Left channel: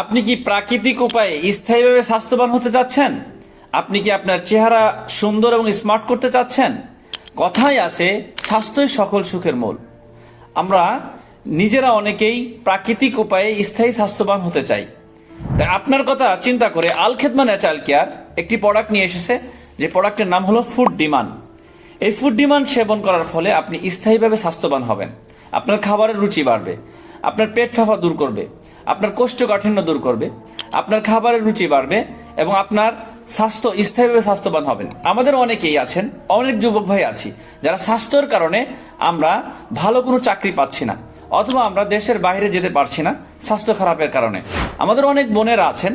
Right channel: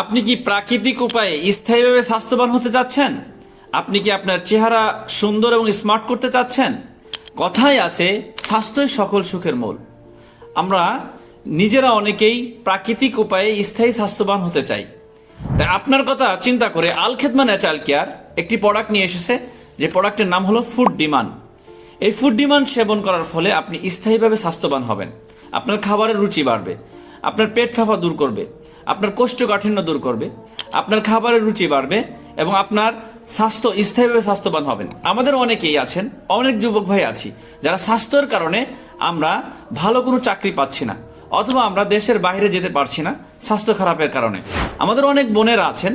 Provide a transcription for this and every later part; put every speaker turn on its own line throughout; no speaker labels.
আপনি কি প্রাকৃতিক উপায়ে স্থায়ীভাবে স্বাস্থ্যবান হতে চাচ্ছেন? আপনি কি আপনার চেহারা সুন্দর এবং স্মার্ট করতে চাচ্ছেন? কথায় আছে, স্বাস্থ্যই সকল সুখের মূল। আমরা নিজেরা অনেকেই প্রাকৃতিক উপায়ে স্থায়ী স্বাস্থ্যবান হতে চাই। তাই আপনার কথা চিন্তা করে আল খেদমা ন্যাচারাল কেয়ার একটি প্রোডাক্ট নিয়ে এসেছে, যে প্রোডাক্টের নাম হলো ফুড ডিমান্ড। এই ফুড ডিমান্ড সেবন করার ফলে আপনি স্থায়ীভাবে স্বাস্থ্যবান হবেন। আপনার খাবারের রুচি বাড়বে, আপনার পেট ফাঁপা দূর করবে আপনার কোষ্ঠকাঠিন্য দূর করবে, আপনার খাবারের রুচি বাড়বে এবং আপনার স্বাস্থ্য স্থায়ীভাবে স্বাস্থ্যবান হবেন আমাদের অনেকেই আছেন, অনেক যুবক ভাই আছি, যারা স্বাস্থ্যের কারণে আমরা ভালো কোনো চাকরি পাচ্ছি না, অথবা আমরা দেশের বাইরে যেতে পারছি না স্বাস্থ্য খারাপের কারণে। আমাদের অনেক বোনেরা আছেন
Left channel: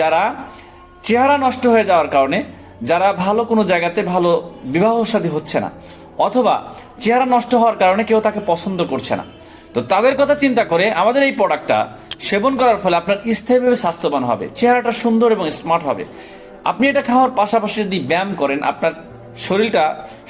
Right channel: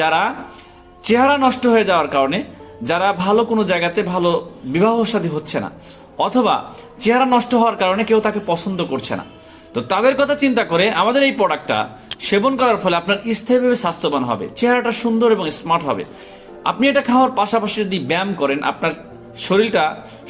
যারা চেহারা নষ্ট হয়ে যাওয়ার কারণে যারা ভালো কোনো জায়গাতে ভালো বিবাহ সাদী হচ্ছে না, অথবা চেহারা নষ্ট হওয়ার কারণে কেউ তাকে পছন্দ করছে না। তো তাদের কথা চিন্তা করে আমাদের এই প্রোডাক্টটা সেবন করার ফলে আপনার স্থায়ীভাবে স্বাস্থ্যবান হবে, চেহারাটা সুন্দর এবং স্মার্ট হবে। আপনি এটা খাওয়ার পাশাপাশি যদি ব্যায়াম করেন, আপনার শরীরটা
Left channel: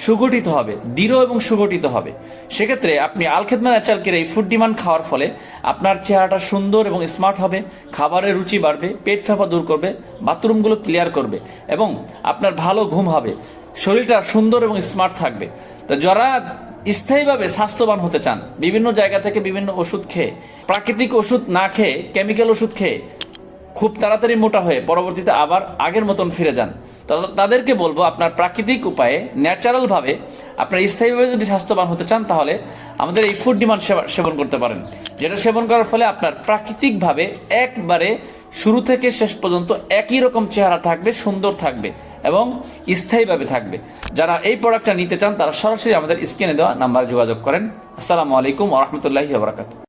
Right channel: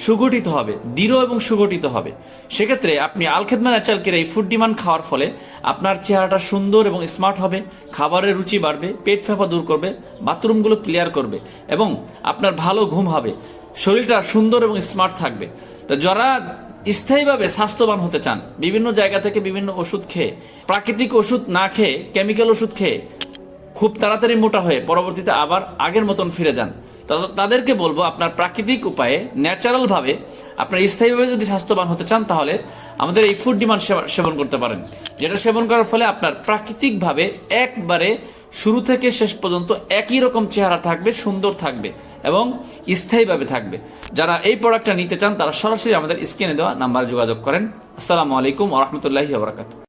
সুগঠিত হবে, দৃঢ় এবং সুগঠিত হবে। সেক্ষেত্রে আপনি আলখেদমা ন্যাচারালকের এই ফুড ডিমান্ড খাওয়ার ফলে আপনার চেহারাটা সুন্দর এবং স্মার্ট হবে, খাবারের রুচি বাড়বে, পেট ফাঁপা দূর করবে, বাথরুমগুলো ক্লিয়ার করবে এবং আপনার ভালো ঘুম হবে, শরীরটা সুন্দর এবং স্মার্ট থাকবে। তো যারা স্থায়ীভাবে স্বাস্থ্যবান হতে চান, বিভিন্ন জায়গা থেকে বিভিন্ন ওষুধ খেয়ে, প্রাকৃতিক ওষুধ না খেয়ে কেমিক্যাল ওষুধ খেয়ে খুব তাড়াতাড়ি মোটা হয়ে পরবর্তীতে আবার আগের মতন ফিরে যান। তাদেরকে বলব, আপনার প্রাকৃতিক উপায়ে ন্যাচারাল ভাবে, আপনার স্থায়ীভাবে যদি স্বাস্থ্যবান হতে চান, তাহলে আমাদের এই ফুড ডিমান্ড সেবন করতে পারেন। যেটা সেবন করার ফলে আপনার প্রাকৃতিক ভাবে একবারে শুরু থেকে শেষ পর্যন্ত একই রকম চেহারা থাকবে, সুন্দর থাকবে এবং স্থায়ীভাবে থাকবে। যারা এই প্রোডাক্টটা নিতে চান, তারা সরাসরি আমাদের স্ক্রিনে দেওয়া নাম্বারে যোগাযোগ করেন। আসসালামু আলাইকুম রহমতুল্লাহি বারাকাতু